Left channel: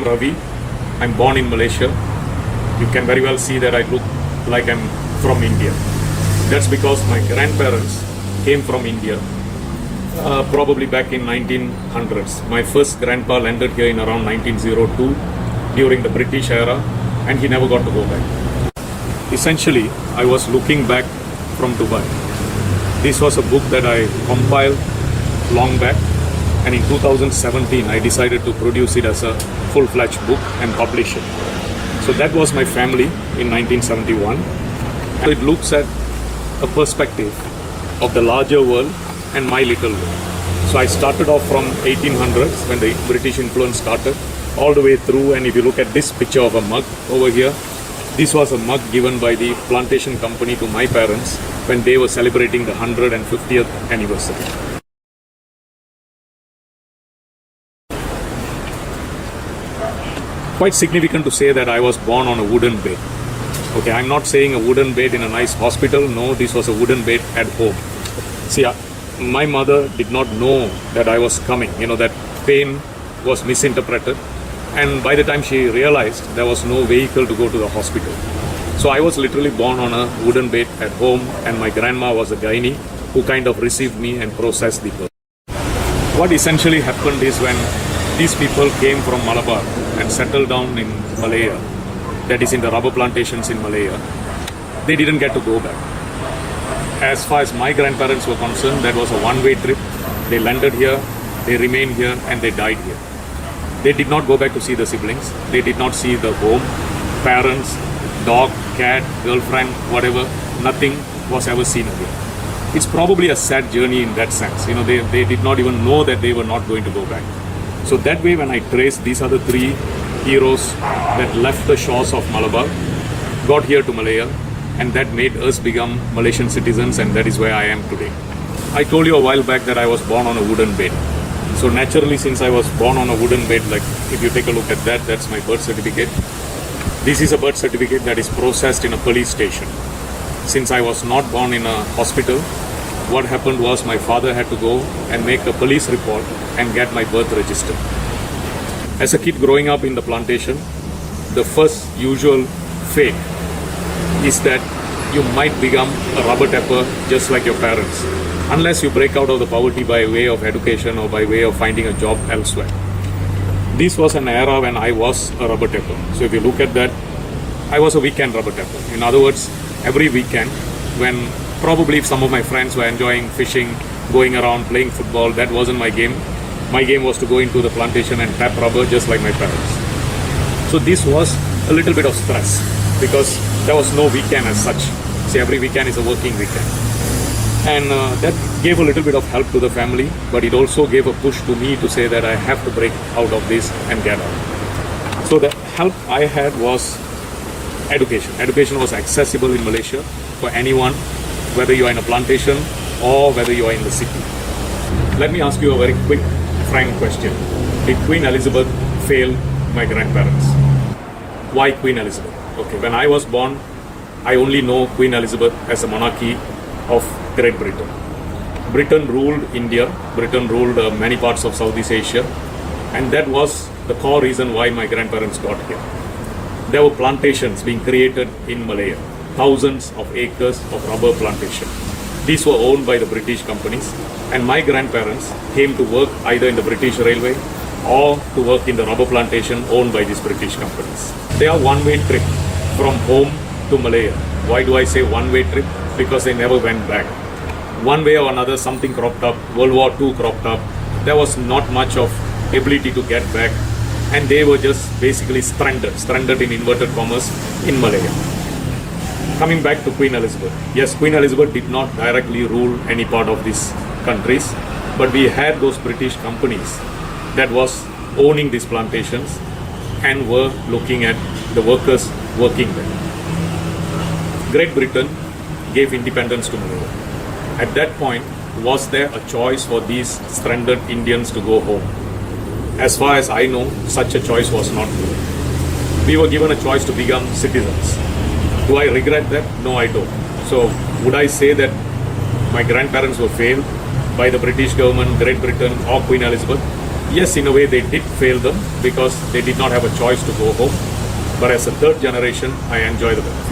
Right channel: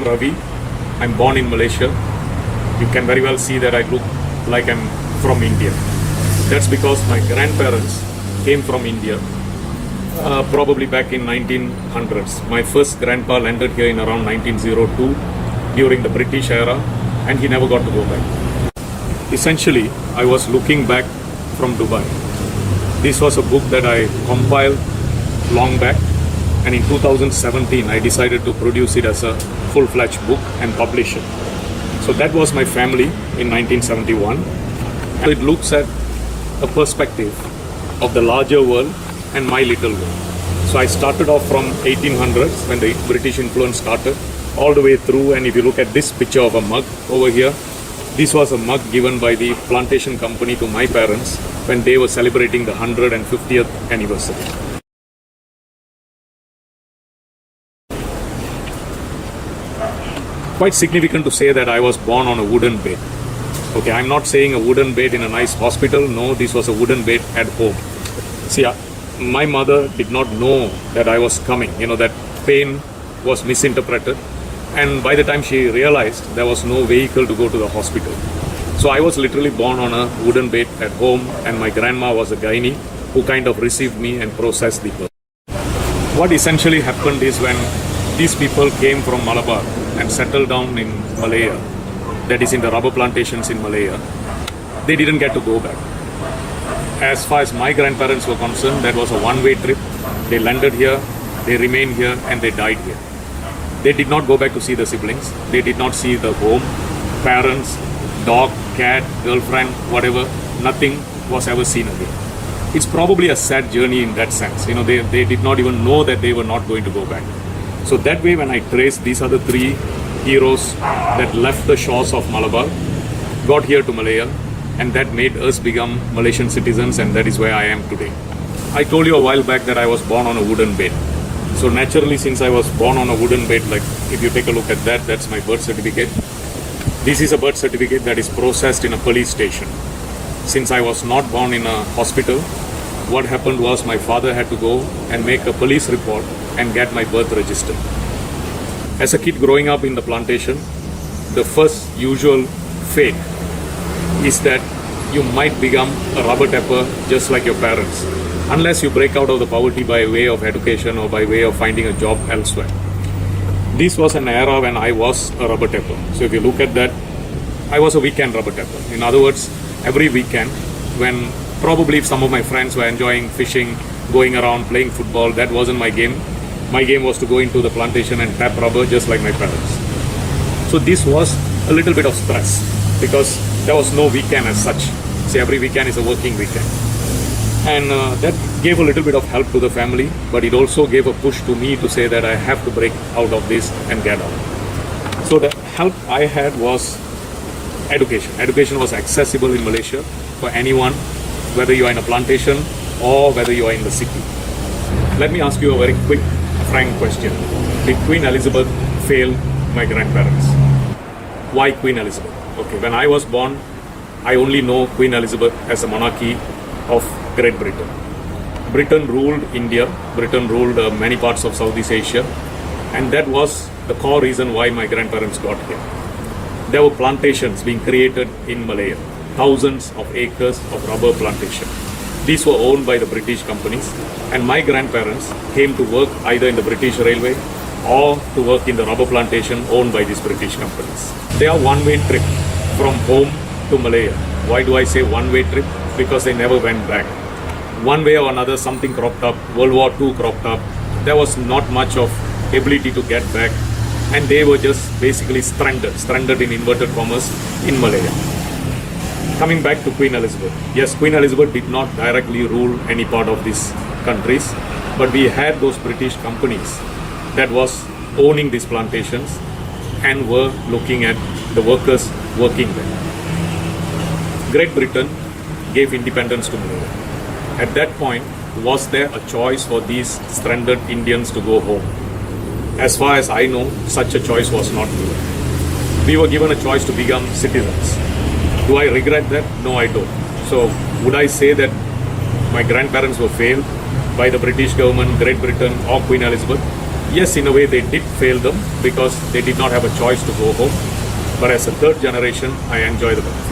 am Ravi. I'm born in Malaysia. You can very well see that I look like I'm from India. That's because my grandparents came from India, probably back in 1900s. My first grandpa landed here in around 1902 during the British era, and he never got to look back. Essentially, I was looking back from Dubai. This was a book that I compiled long back, and in 2017 I decided to produce it as a full-fledged book and publish it. So that was my family in 1971. It looks at a perspective of the larger world and my little world. So I started off from 1800s when the British influence started, all the way through, and if you look at this picture of a mug over here, this was a mug given by the plantation company to my parents when they were celebrating the 150th anniversary. Quite significant to say that I was born on a wooden bed. Okay, I'm not saying a wooden bed in a nice hospital. No, this was a wooden bed at home. See, my mother did not know that I was coming. That pain was misinterpreted. And by the time she realized, there was no vehicle to go to the hospital. So I was literally born on a wooden bed at home, and my grandma was a gynae who kind of received me and processed the birth. What essentially happened is when these people came from Malabar and settled down in Malaya, that is in the rubber plantations in Malaya, they didn't get to go back. As far as my grandparents were concerned, that was a one-way trip. They landed here, they remained here, and they died here. They did not go back to see the siblings. They did not see the home, parents, dog, cat, girlfriend, whatever. Nothing was ever seen again. It's probably a sad journey in that sense. They did not even know that they were not going to go back. So that way, when I trace, these are the three heroes that left the shores of Malabar, got here to Malaya, and that made us become Malaysian citizens, and that is where I am today. I told you a while back that I was born on a wooden bed. So naturally, since I was born on a wooden bed, like if you take a look at that, that's my birth certificate. This is a birth certificate that is processed in a police station. Since I was not born in a hospital, what happened was my father had to go and make a police report and get my birth registered. As a kid growing up in the plantation, the first usual fate is that you might become a rubber tapper just like your parents, unless you break out of the poverty by way of education or by way of finding a job elsewhere. This was an era when I was a rubber tapper. So if you look at that, I was a weekend rubber tapper. In other words, every weekend, when probably some of my friends were enjoying fishing, going around playing football, that wasn't my game. My game was to go into the plantation and tap rubber just like my parents. So this was a little bit of stress because there was no weekend as such. So every weekend is a working weekend. And that gave a little bit of help to the family, but it also gave a push to me to say that I have to break out of this and get out. So the help I had was education. Education was accessible in Malaysia for anyone, whether you are in a plantation or whether you are in the city. Let me ask you a very quick final question. Did Queen Elizabeth fail my grandparents? Why Queen Elizabeth? Okay, when I was born, I only know Queen Elizabeth as a monarchy of Great Britain. Britain ruled India, Britain ruled many parts of Southeast Asia, and that was the core reason why my grandparents got here. There were plantations being created in Malaya, thousands of acres of rubber plantation. These were owned by the British companies, and my grandparents came to work either in the British Railway or to work in the rubber plantation owned by these British companies. They are one-way trip from home to Malaya. Why do I say one-way trip? Because they never went back. One way or another, something cropped up, World War II cropped up. There was not much of ability to get back, and they were just basically stranded in inverted commas in Malaya. Coming back to Queen Elizabeth. Yes, Queen Elizabeth did not directly rule any part of these countries, but we had those British companies that was owning these plantations and were looking at the workers working there. Great Britain gave independence to Malaya. At that point, was there a choice for these stranded Indians to go home? As far as I know, such a choice was not. We were given a choice to become citizens. Do I regret that? No, I don't. So, would I say that my grandparents were failed by the British government, Great Britain, or Queen Elizabeth? Yes, in a way they did fail them because they did not have a choice to go home. But as a third generation, I enjoy the